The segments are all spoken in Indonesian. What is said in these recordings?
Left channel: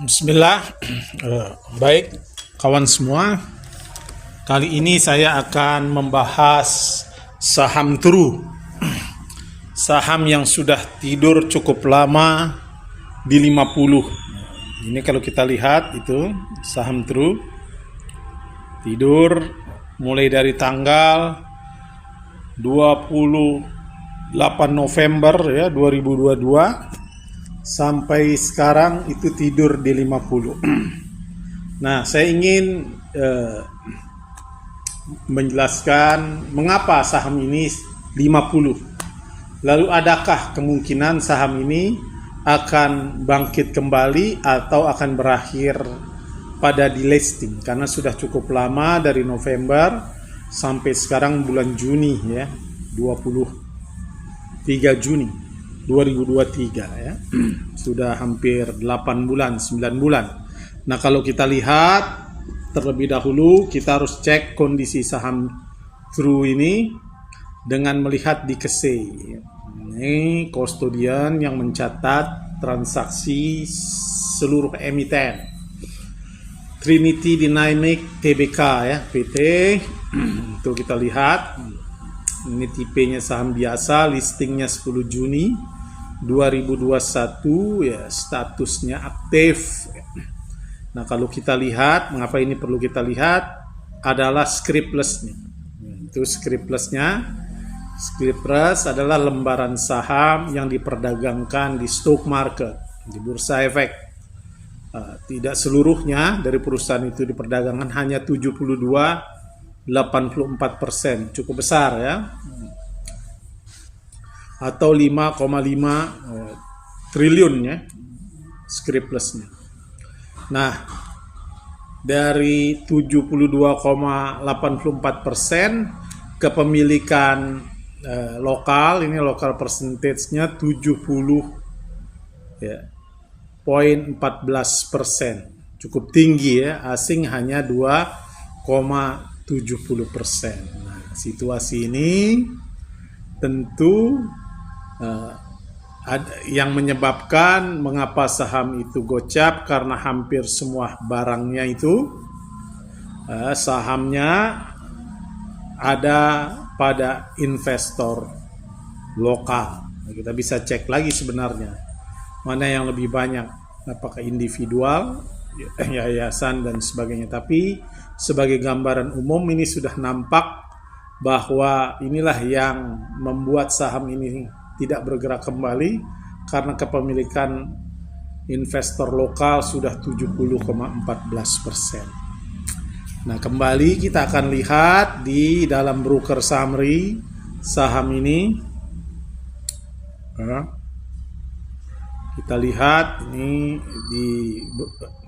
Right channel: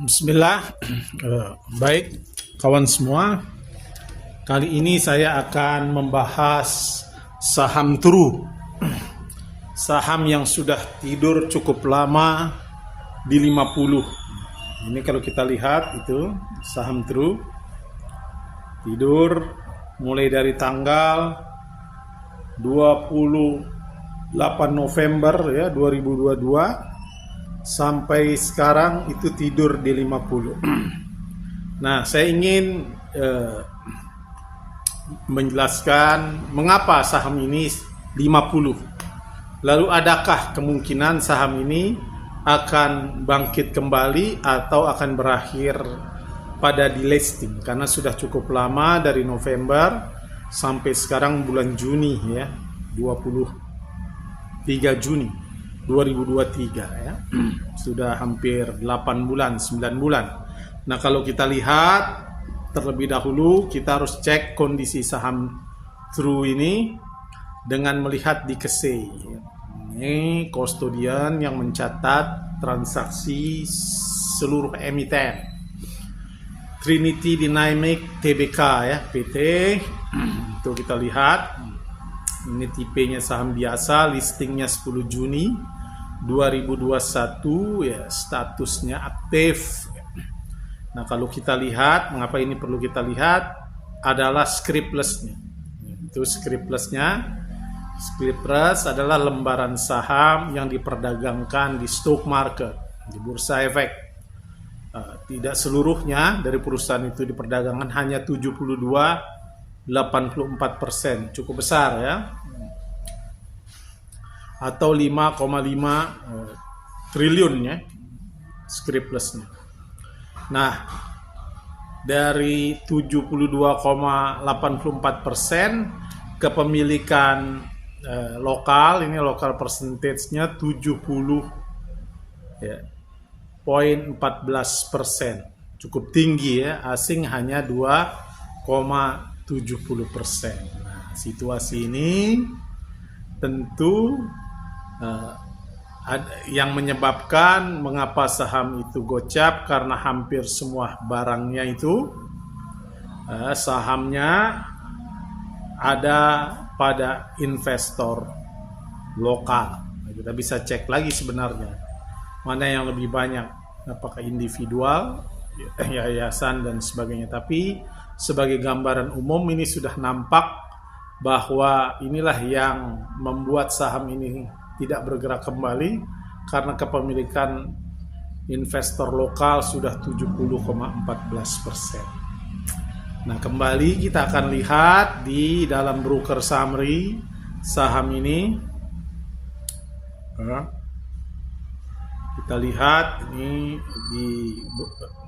Bismillah. Baik kawan semua, kali ini saya akan membahas saham True, saham yang sudah tidur cukup lama di 50. Ini kalau kita lihat itu saham True tidur mulai dari tanggal 28 November ya 2022 sampai sekarang itu tidur di 50. Nah, saya ingin menjelaskan mengapa saham ini 50. Lalu adakah kemungkinan saham ini akan bangkit kembali atau akan berakhir pada delisting, karena sudah cukup lama dari November sampai sekarang bulan Juni ya, 23 Juni 2023 ya. Sudah hampir 8 bulan, 9 bulan. Nah, kalau kita lihat terlebih dahulu, kita harus cek kondisi saham True ini dengan melihat di KSEI. Ini custodian yang mencatat transaksi seluruh emiten. Trinity Dynamic Tbk ya, PT. Itu kita lihat. Ini tipenya saham biasa, listingnya 10 Juni 2021 ya, statusnya aktif. Nah, kalau kita lihat, mengapa ini perlu kita lihat adalah scriptless-nya. Itu scriptless-nya. Scriptless adalah lembaran saham yang diperdagangkan di stock market, di bursa efek. Tidak seluruhnya dari perusahaan itu diperdagangkan, hanya 82,84%, cukup besar ya, atau 5,5 triliun ya scriptless-nya. Nah, dari 72,84% kepemilikan lokal, ini lokal percentage-nya 70 ya, 0,14%, cukup tinggi ya. Asing hanya 2,70%. Nah, situasi ini tentu yang menyebabkan mengapa saham itu gocap, karena hampir semua barangnya itu sahamnya ada pada investor lokal. Kita bisa cek lagi sebenarnya mana yang lebih banyak, apakah individual, yayasan dan sebagainya. Tapi sebagai gambaran umum ini sudah nampak bahwa inilah yang membuat saham ini tidak bergerak kembali, karena kepemilikan investor lokal sudah 70,14%. Nah, kembali kita akan lihat di dalam broker summary saham ini. Kita lihat ini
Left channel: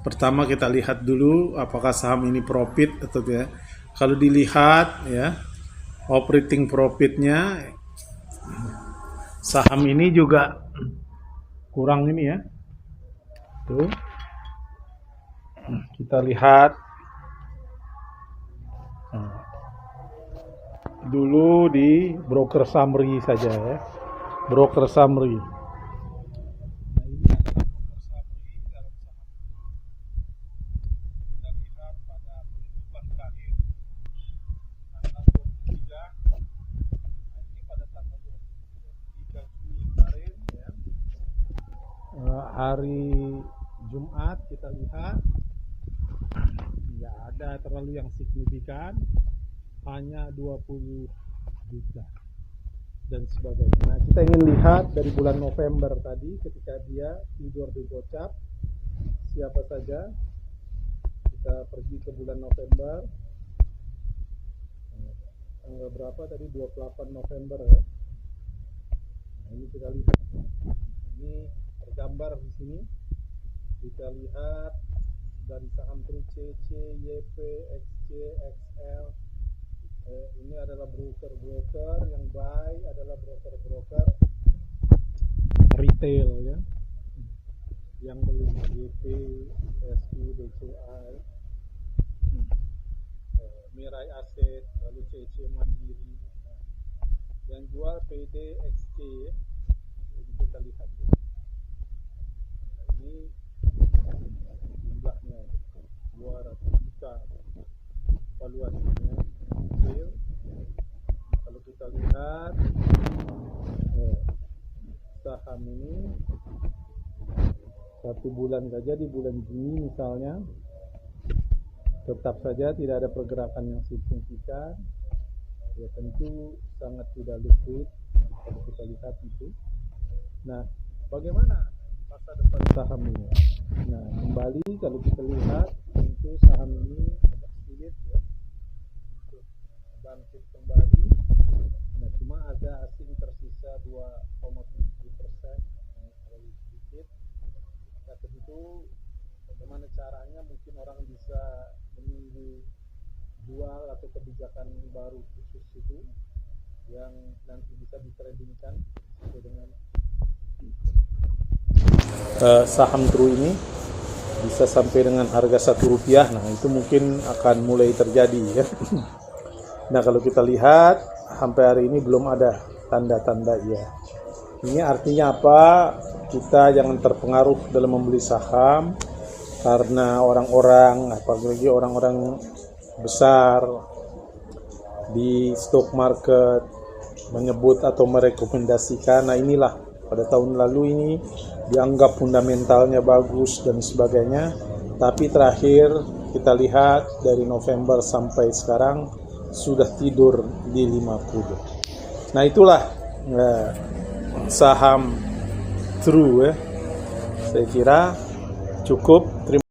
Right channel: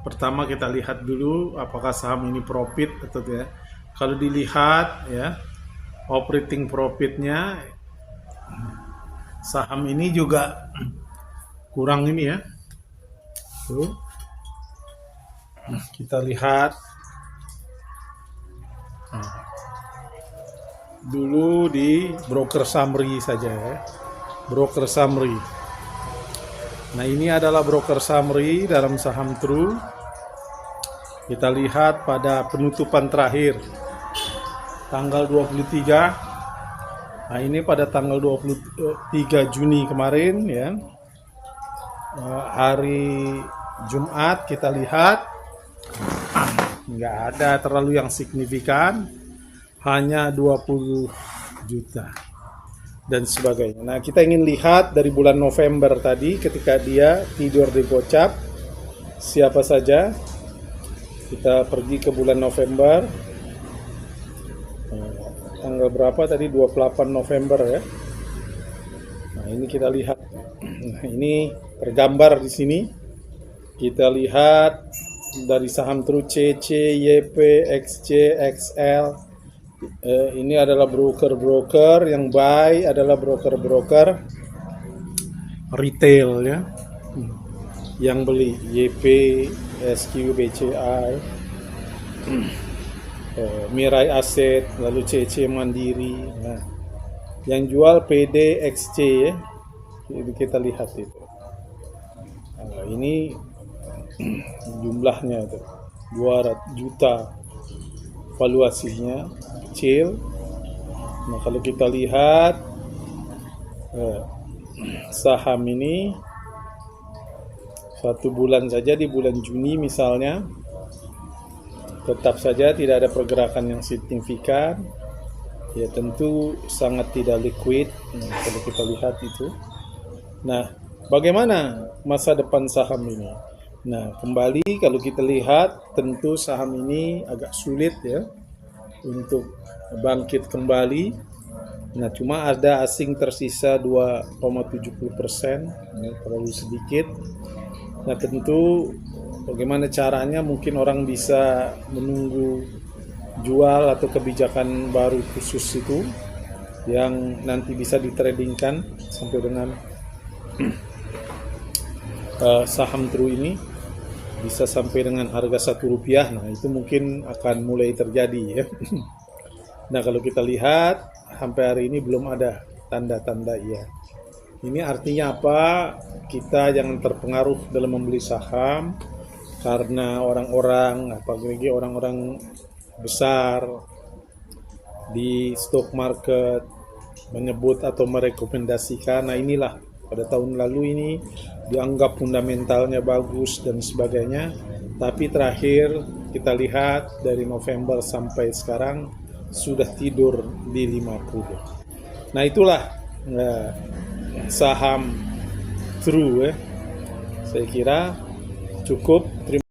pertama kita lihat dulu apakah saham ini profit atau tidak. Kalau dilihat ya, operating profitnya saham ini juga kurang ini ya. Tuh. Kita lihat dulu di broker summary saja ya. Broker summary. Nah, ini adalah broker summary dalam saham True. Kita lihat pada penutupan terakhir tanggal 23. Nah, ini pada tanggal 23 Juni kemarin ya, hari Jumat, kita lihat nggak ada terlalu yang signifikan, hanya 20 juta dan sebagainya. Nah, kita ingin lihat dari bulan November tadi ketika dia tidur di gocap siapa saja. Kita pergi ke bulan November, tanggal berapa tadi, 28 November ya. Nah, ini kita lihat. Nah, ini tergambar di sini. Kita lihat dari saham True CC, YP, XC, XL. Ini adalah broker-broker yang buy, adalah broker-broker retail ya. Yang beli YP, SQ, BCI, Mirai Asset, lalu CC Mandiri. Nah, yang jual PD, XC ya. Kita lihat itu. Nah, ini jumlahnya itu 200 juta, valuasinya kecil. Nah, kalau kita lihat saham ini 1 bulan saja, di bulan Juni misalnya, tetap saja tidak ada pergerakan yang signifikan. Ya tentu sangat tidak liquid kalau kita lihat itu. Nah, bagaimana masa depan saham ini? Nah, kembali kalau kita lihat, tentu saham ini agak sulit ya untuk bangkit kembali. Nah, cuma ada asing tersisa 2,70%, ya, terlalu sedikit. Nah, tentu bagaimana caranya, mungkin orang bisa menunggu jual atau kebijakan baru khusus itu yang nanti bisa ditradingkan sampai dengan saham True ini bisa sampai dengan harga Rp1. Nah, itu mungkin akan mulai terjadi ya. Nah, kalau kita lihat sampai hari ini belum ada tanda-tanda ya. Ini artinya apa? Kita jangan terpengaruh dalam membeli saham karena orang-orang, apalagi orang-orang besar di stock market menyebut atau merekomendasikan. Nah, inilah pada tahun lalu ini dianggap fundamentalnya bagus dan sebagainya, tapi terakhir kita lihat dari November sampai sekarang sudah tidur di 50. Nah, itulah saham True ya. Saya kira cukup. Terima